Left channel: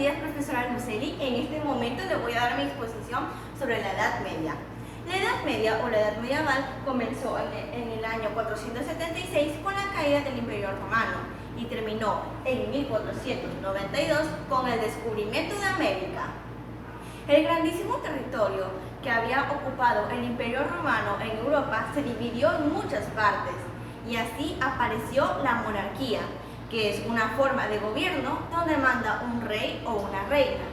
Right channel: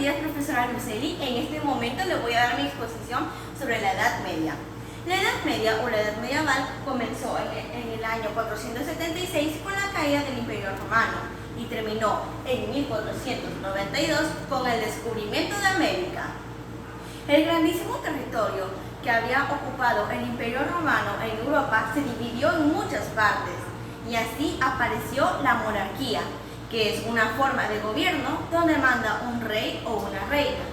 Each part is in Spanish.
días, profesora Luceli. En este momento le voy a dar mi exposición sobre la Edad Media. La Edad Media o la Edad Medieval comenzó en el año 476 con la caída del Imperio Romano y terminó en 1492 con el descubrimiento de América. El grandísimo territorio que había ocupado el Imperio Romano en Europa se dividió en muchas partes y así apareció la monarquía, que es una forma de gobierno donde manda un rey o una reina.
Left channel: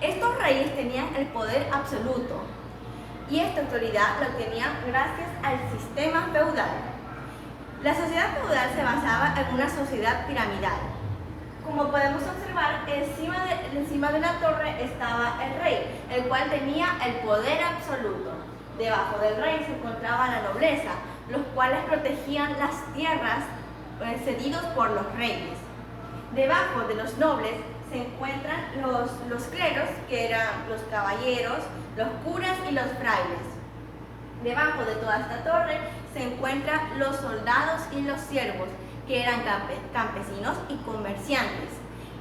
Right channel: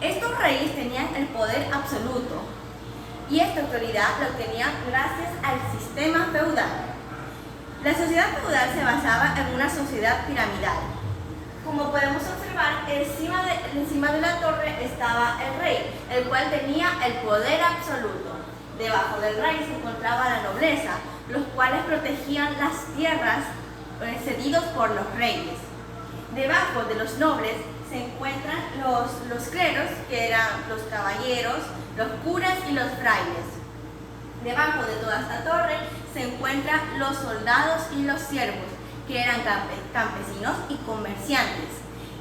Estos reyes tenían el poder absoluto y esta autoridad la obtenían gracias al sistema feudal. La sociedad feudal se basaba en una sociedad piramidal. Como podemos observar, encima de la torre estaba el rey, el cual tenía el poder absoluto. Debajo del rey se encontraba la nobleza, los cuales protegían las tierras cedidos por los reyes. Debajo de los nobles se encuentran los cleros, que eran los caballeros, los curas y los frailes. Debajo de toda esta torre se encuentran los soldados y los siervos, que eran campesinos y comerciantes.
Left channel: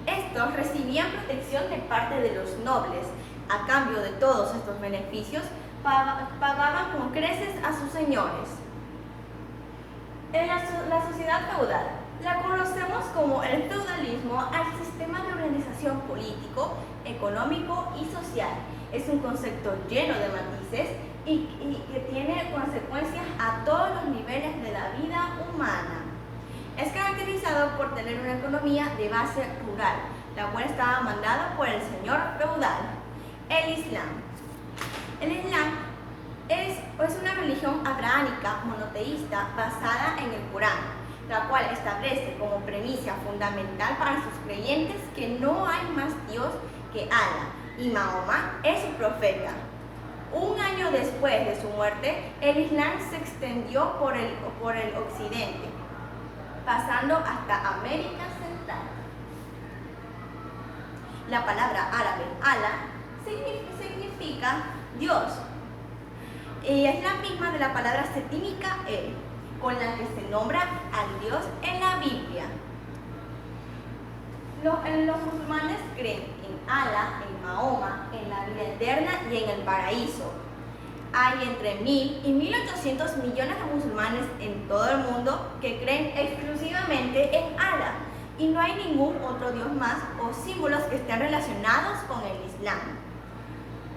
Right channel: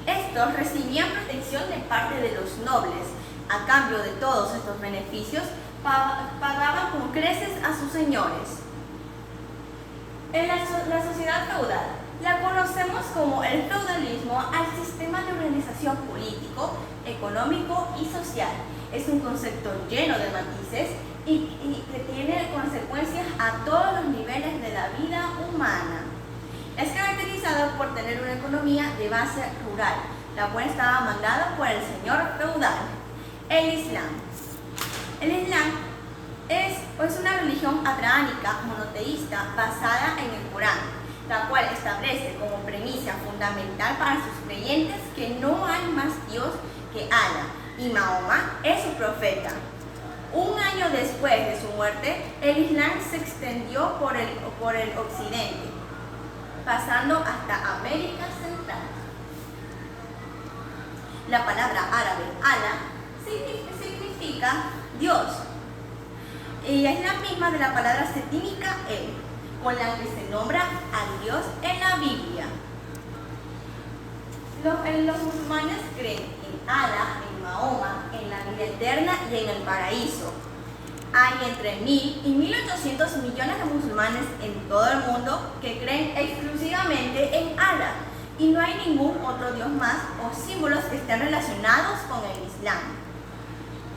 Estos recibían protección de parte de los nobles. A cambio de todos estos beneficios, pagaban con creces a sus señores. En la sociedad feudal la conocemos como el feudalismo al sistema de organización político, económico y social. Es un concepto lleno de matices y que tiene consecuencias a todos los niveles de la vida humana. Es caracterizado por tener una economía de base rural, la cual estaba mandada por el señor feudal. El Islam. El Islam es una religión abrahámica monoteísta basada en el Corán, la cual establece como premisa fundamental para sus creyentes que no hay más Dios que Allah y Mahoma es su profeta. Un año después de su muerte, el Islam se extendió por el occidente, pasando hasta América Central. La palabra árabe Allah significa Dios, y es la misma de la palabra setínica El, con la que se nombra a Dios en la Biblia. Los musulmanes creen en Allah, en Mahoma, en la vida eterna y en el paraíso. Hay entre 1.000 y 1.800 millones de musulmanes en todo el mundo que creen exclusivamente en Allah y no hay ningún otro Dios más o símbolos que estén relacionados con el Islam.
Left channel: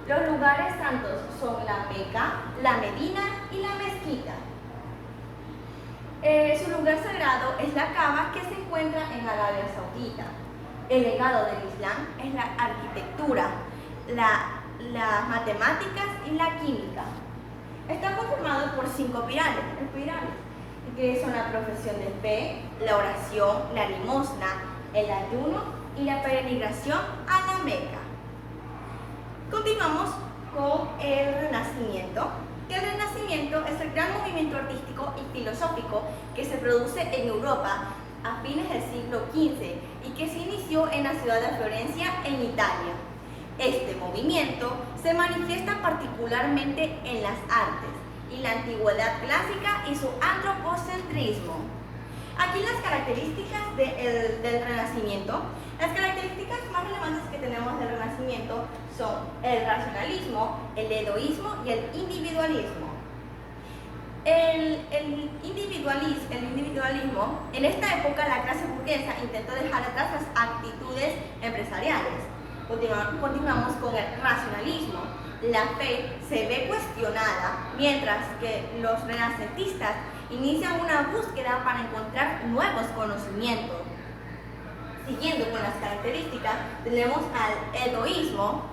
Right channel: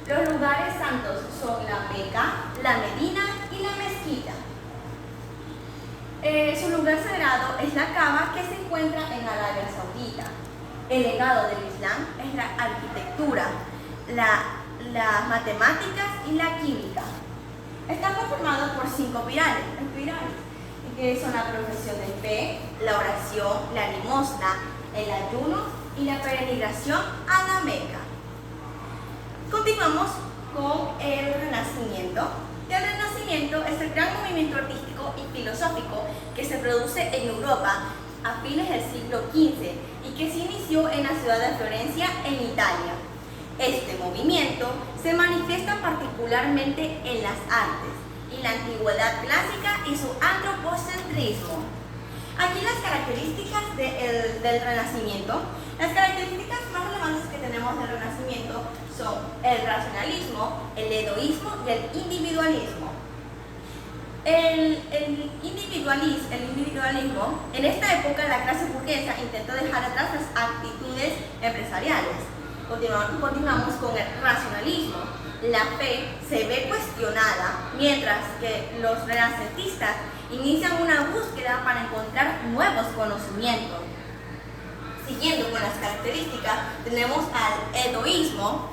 Los lugares santos son la Meca, la Medina y la Mezquita. Su lugar sagrado es la Kaaba, que se encuentra en Arabia Saudita. El legado del Islam es la arquitectura, las matemáticas y la química. Está conformado por 5 pilares, que son la profesión de fe, la oración, la limosna, el ayuno y la peregrinación a la Meca. Continuamos con el Renacimiento. El Renacimiento es el gran movimiento artístico y filosófico que se produce en Europa a fines del siglo XV y que se inició en la ciudad de Florencia, en Italia. Este movimiento se manifiesta particularmente en las artes y la antigüedad clásica y su antropocentrismo. Aquí las características del Renacimiento. Las características más relevantes que tenemos del Renacimiento son el racionalismo, el hedoísmo y el individualismo. El individualismo, en esta época la clase burguesa intentó dejar atrás las actitudes empresariales. Continuamos con el racionalismo. La fe se ve cuestionada, mientras que los renacentistas inician una búsqueda para encontrar nuevos conocimientos. Siguiendo con las características, tenemos al hedoísmo,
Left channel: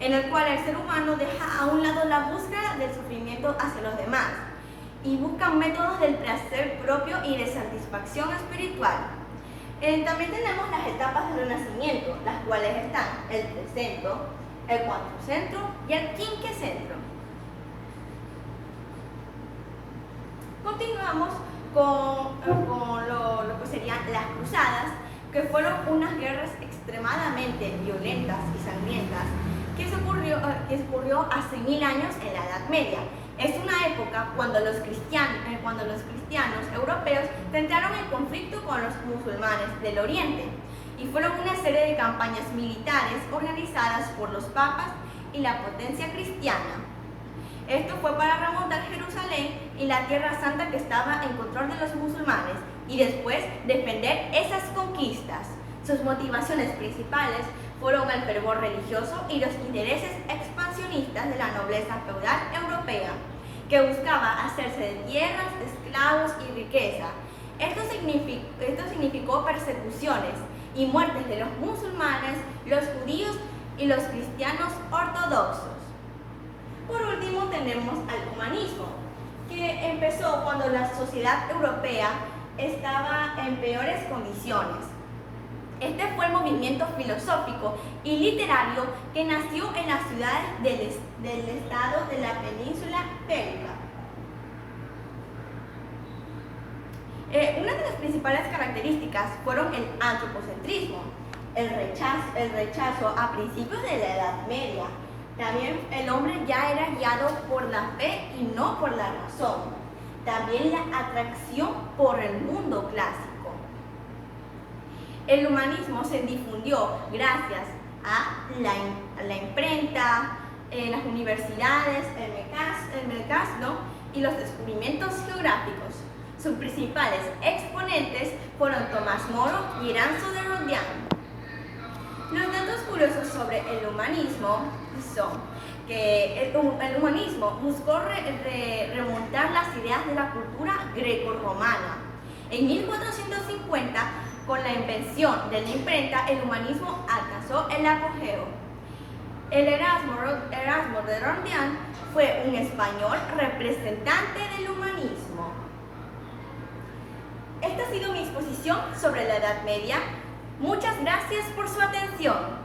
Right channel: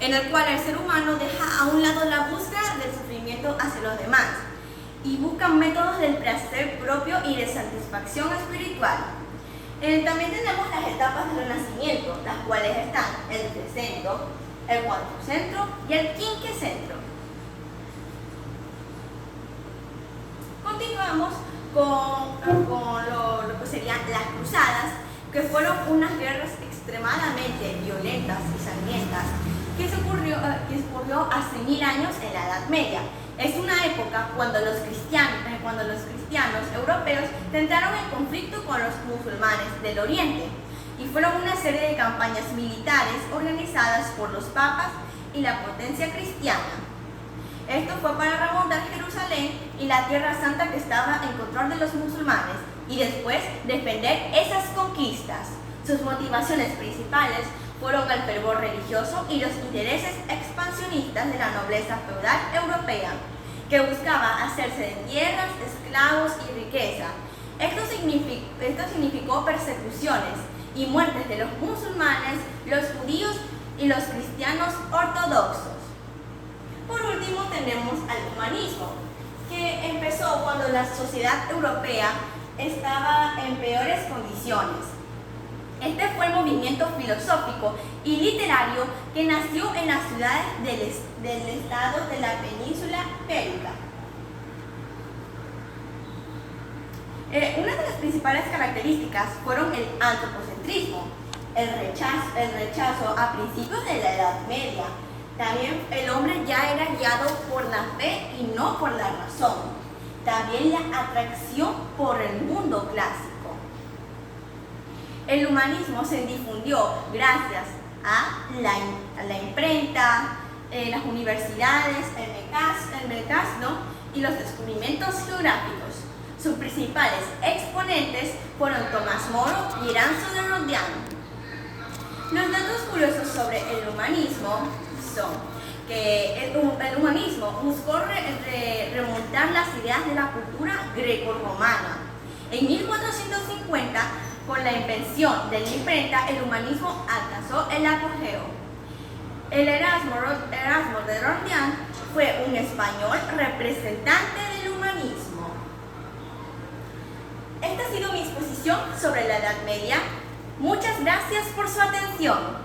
en el cual el ser humano deja a un lado la búsqueda del sufrimiento hacia los demás y buscan métodos del placer propio y de satisfacción espiritual. También tenemos las etapas del Renacimiento, las cuales están el trecentro, el cuatrocentro y el quinquecentro. Continuamos con lo que serían las cruzadas, que fueron unas guerras extremadamente violentas y sangrientas que ocurrió hace 1000 años en la Edad Media. Es una época cuando los cristianos europeos tentaron el conflicto con los musulmanes del Oriente y fueron una serie de campañas militares organizadas por los papas y la potencia cristiana. Esto fue para remontar Jerusalén y la Tierra Santa que estaba en control de los musulmanes y después defender esas conquistas. Sus motivaciones principales fueron el fervor religioso y los intereses expansionistas de la nobleza feudal europea, que buscaba hacerse de tierras, esclavos y riqueza. Esto significó persecuciones y muertes de los musulmanes, los judíos y los cristianos ortodoxos. Por último tenemos al humanismo, que empezó cuando la sociedad europea estaba en peores condiciones. Este fue el movimiento filosófico y literario que nació en las ciudades del estado de la península ibérica. Una de las principales características fueron el antropocentrismo, el rechazo a principios de la Edad Media. También el hombre ya era guiado por la fe y no por la razón. También la atracción por el mundo clásico. El humanismo se difundió gracias a la imprenta, las universidades, el mercado y los descubrimientos geográficos. Sus principales exponentes fueron Tomás Moro y Eranzo de Roldán. Los datos curiosos sobre el humanismo son que el humanismo buscó remontar las ideas de la cultura greco-romana. En 1450, con la invención de la imprenta, el humanismo alcanzó el apogeo. El Erasmo de Roldán fue un español representante del humanismo. Esta ha sido mi exposición sobre la Edad Media. Muchas gracias por su atención.